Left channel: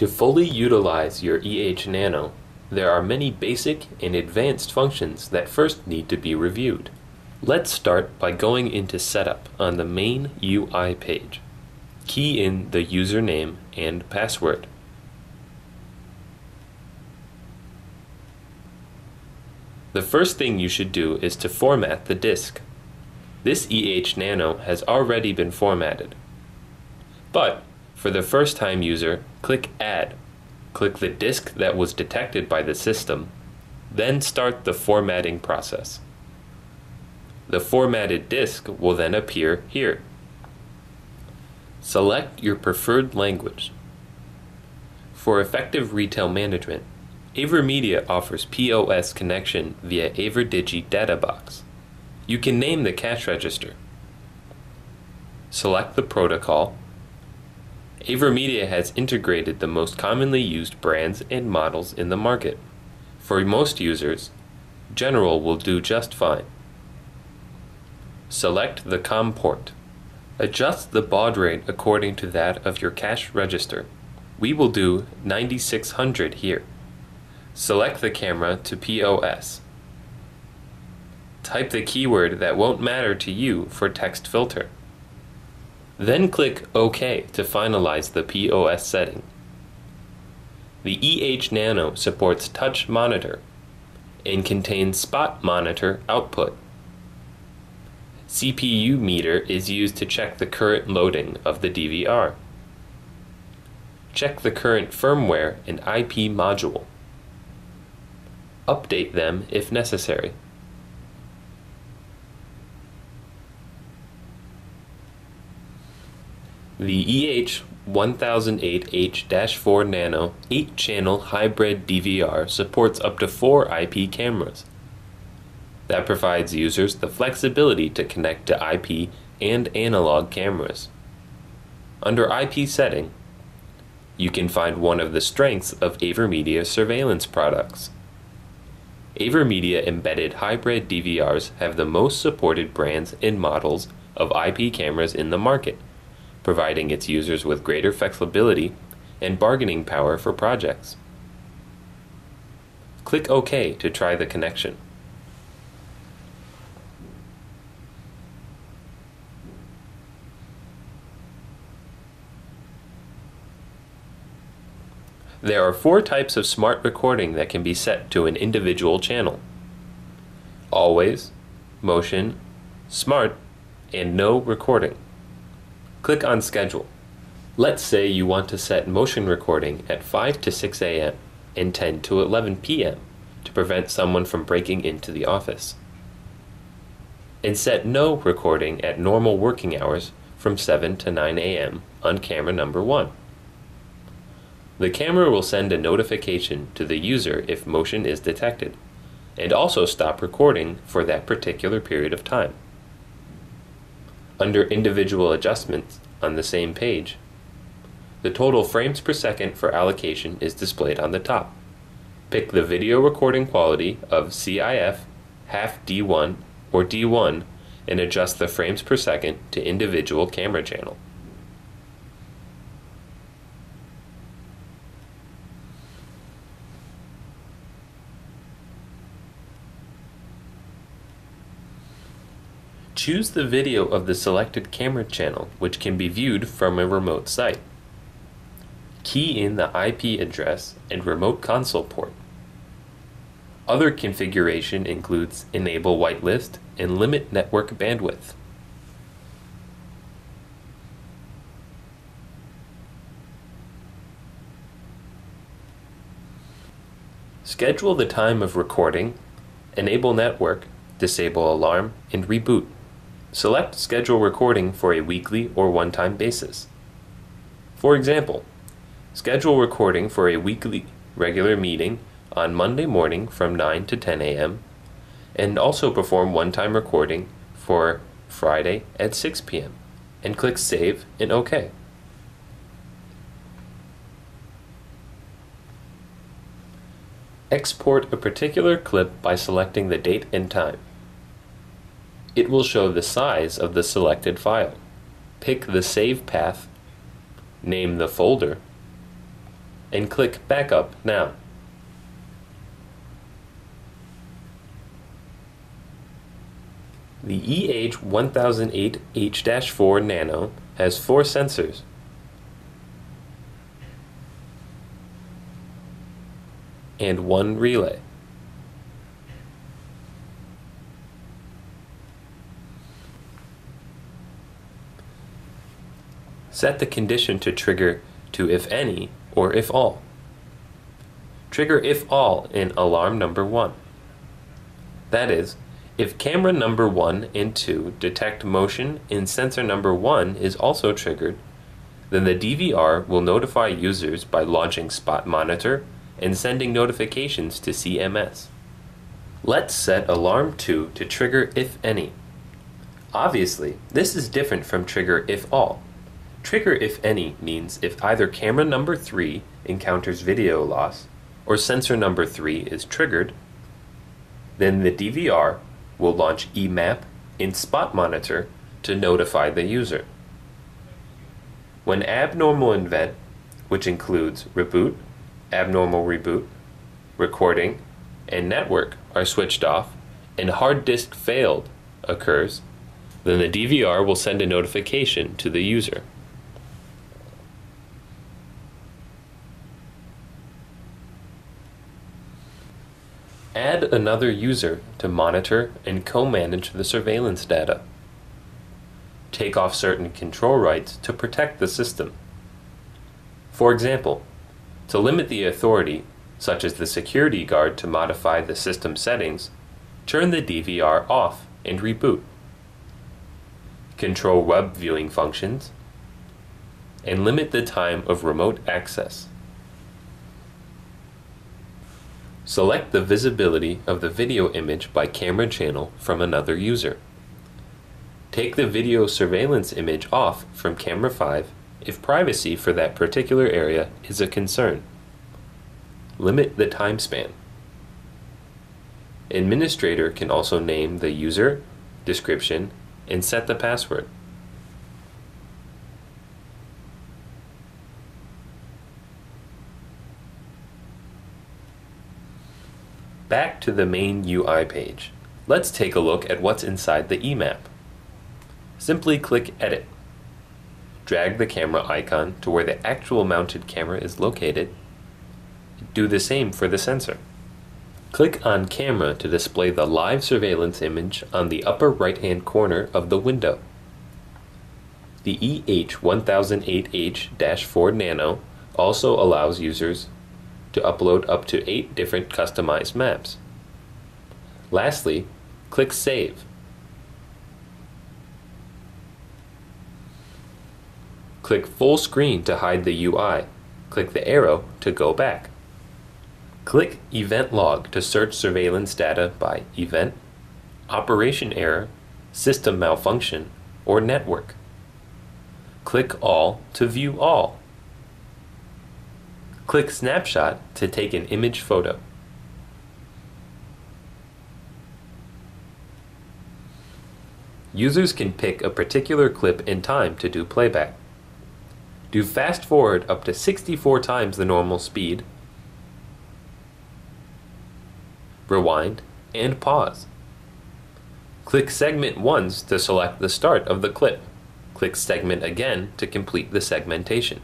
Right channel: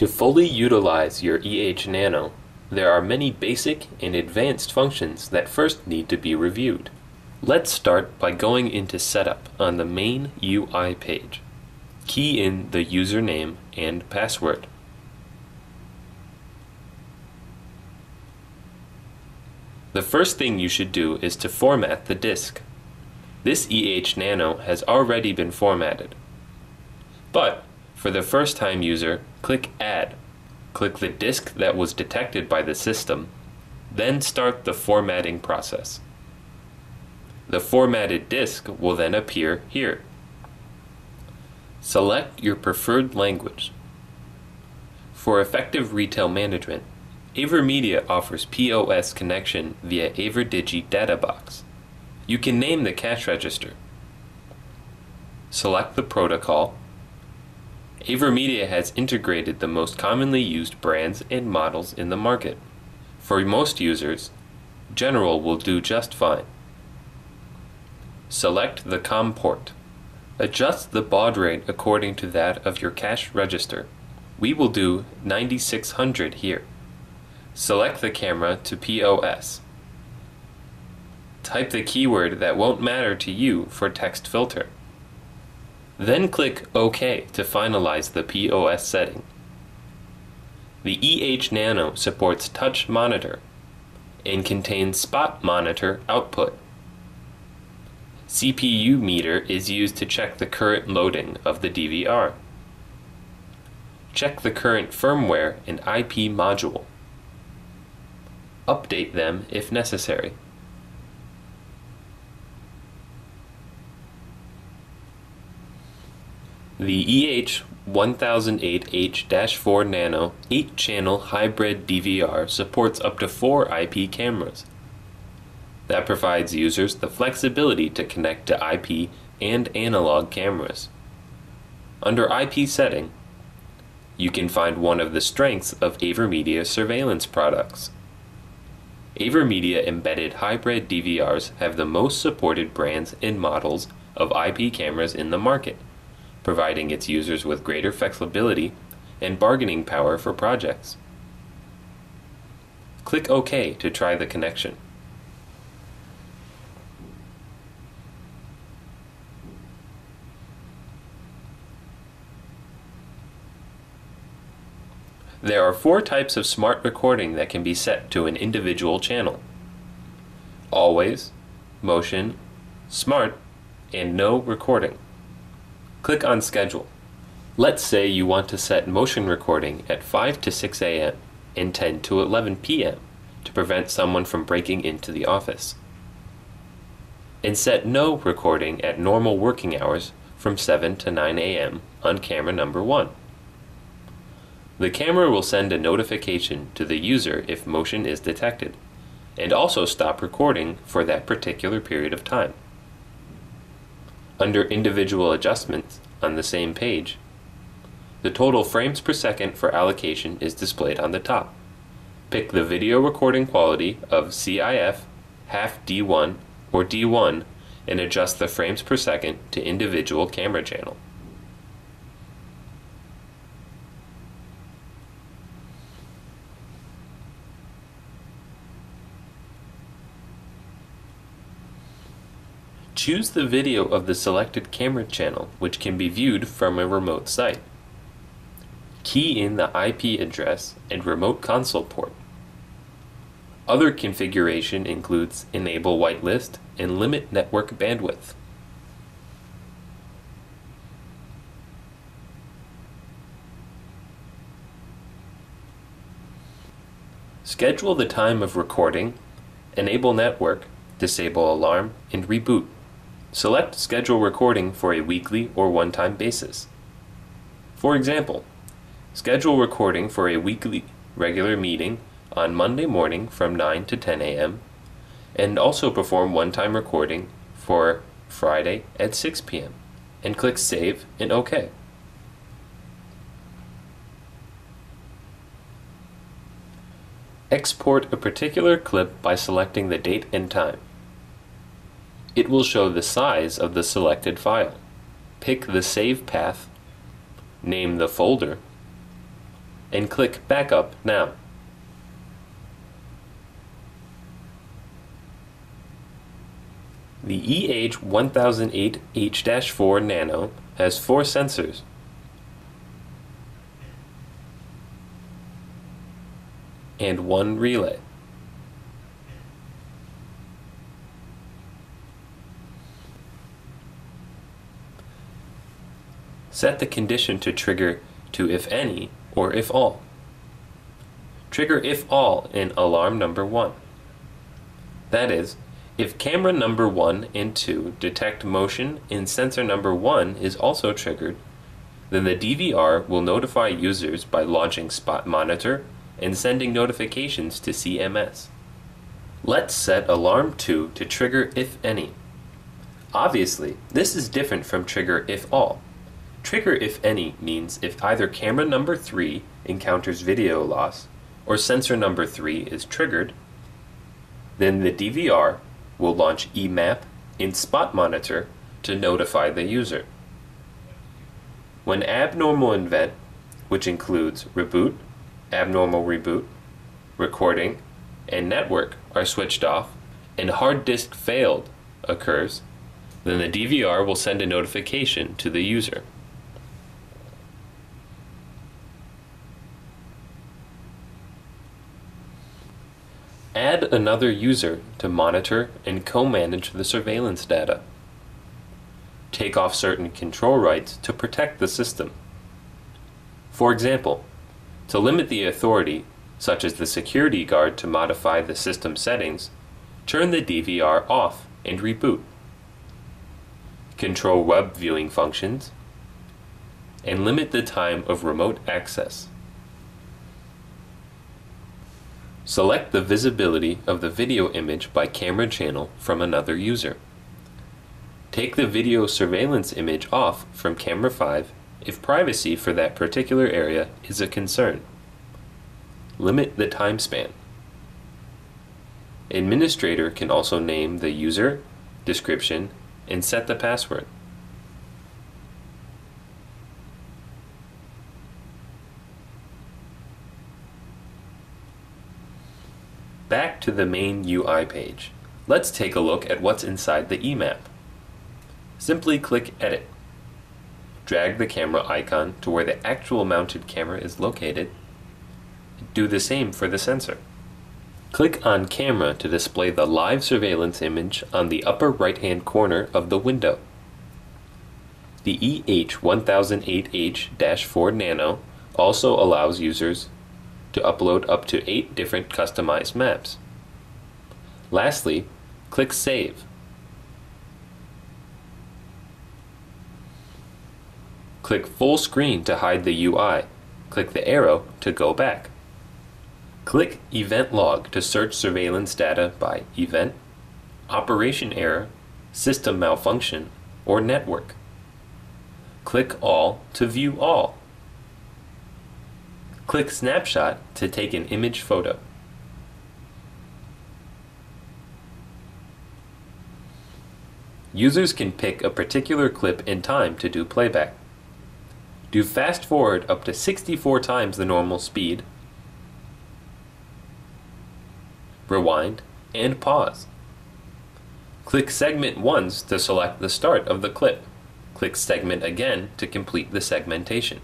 To fully utilize your EH Nano, there are many basic and advanced functions that first need to be reviewed. Let's start by going into Setup on the main UI page. Key in the username and password. The first thing you should do is to format the disk. This EH Nano has already been formatted. But for the first-time user, click Add. Click the disk that was detected by the system, then start the formatting process. The formatted disk will then appear here. Select your preferred language. For effective retail management, AverMedia offers POS connection via AverDigi data box. You can name the cash register. Select the protocol. AverMedia has integrated the most commonly used brands and models in the market. For most users, General will do just fine. Select the COM port. Adjust the baud rate according to that of your cash register. We will do 9600 here. Select the camera to POS. Type the keyword that won't matter to you for text filter. Then click OK to finalize the POS setting. The EH Nano supports touch monitor and contains spot monitor output. CPU meter is used to check the current loading of the DVR. Check the current firmware and IP module. Update them if necessary. The EH1008H-4 Nano 8-channel hybrid DVR supports up to 4 IP cameras. That provides users the flexibility to connect to IP and analog cameras. Under IP setting, you can find one of the strengths of AverMedia surveillance products. AverMedia embedded hybrid DVRs have the most supported brands and models of IP cameras in the market, providing its users with greater flexibility and bargaining power for projects. Click OK to try the connection. There are 4 types of smart recording that can be set to an individual channel: always, motion, smart, and no recording. Click on Schedule. Let's say you want to set motion recording at 5 to 6 a.m. and 10 to 11 p.m. to prevent someone from breaking into the office. And set no recording at normal working hours from 7 to 9 a.m. on camera number 1. The camera will send a notification to the user if motion is detected, and also stop recording for that particular period of time. Under individual adjustments on the same page, the total frames per second for allocation is displayed on the top. Pick the video recording quality of CIF, half D1, or D1 and adjust the frames per second to individual camera channel. Choose the video of the selected camera channel, which can be viewed from a remote site. Key in the IP address and remote console port. Other configuration includes enable whitelist and limit network bandwidth. Schedule the time of recording, enable network, disable alarm, and reboot. Select schedule recording for a weekly or one-time basis. For example, schedule recording for a weekly regular meeting on Monday morning from 9 to 10 a.m. and also perform one-time recording for Friday at 6 p.m. and click Save and OK. Export a particular clip by selecting the date and time. It will show the size of the selected file. Pick the save path, name the folder, and click Backup now. The EH1008H-4 Nano has 4 sensors and 1 relay. Set the condition to trigger to if any or if all. Trigger if all in alarm number 1. That is, if camera number 1 and 2 detect motion and sensor number 1 is also triggered, then the DVR will notify users by launching Spot Monitor and sending notifications to CMS. Let's set alarm 2 to trigger if any. Obviously, this is different from trigger if all. Trigger if any means if either camera number 3 encounters video loss or sensor number 3 is triggered, then the DVR will launch EMAP in Spot Monitor to notify the user. When abnormal event, which includes reboot, abnormal reboot, recording, and network are switched off, and hard disk failed occurs, then the DVR will send a notification to the user. Add another user to monitor and co-manage the surveillance data. Take off certain control rights to protect the system. For example, to limit the authority, such as the security guard to modify the system settings, turn the DVR off and reboot. Control web viewing functions, and limit the time of remote access. Select the visibility of the video image by camera channel from another user. Take the video surveillance image off from camera 5 if privacy for that particular area is a concern. Limit the time span. Administrator can also name the user, description, and set the password. Back to the main UI page. Let's take a look at what's inside the EMAP. Simply click Edit. Drag the camera icon to where the actual mounted camera is located. Do the same for the sensor. Click on Camera to display the live surveillance image on the upper right-hand corner of the window. The EH1008H-4 Nano also allows users to upload up to 8 different customized maps. Lastly, click Save. Click Full Screen to hide the UI. Click the arrow to go back. Click Event Log to search surveillance data by event, operation error, system malfunction, or network. Click All to view all. Click Snapshot to take an image photo. Users can pick a particular clip in time to do playback. Do fast forward up to 64 times the normal speed, rewind, and pause. Click Segment once to select the start of the clip. Click Segment again to complete the segmentation.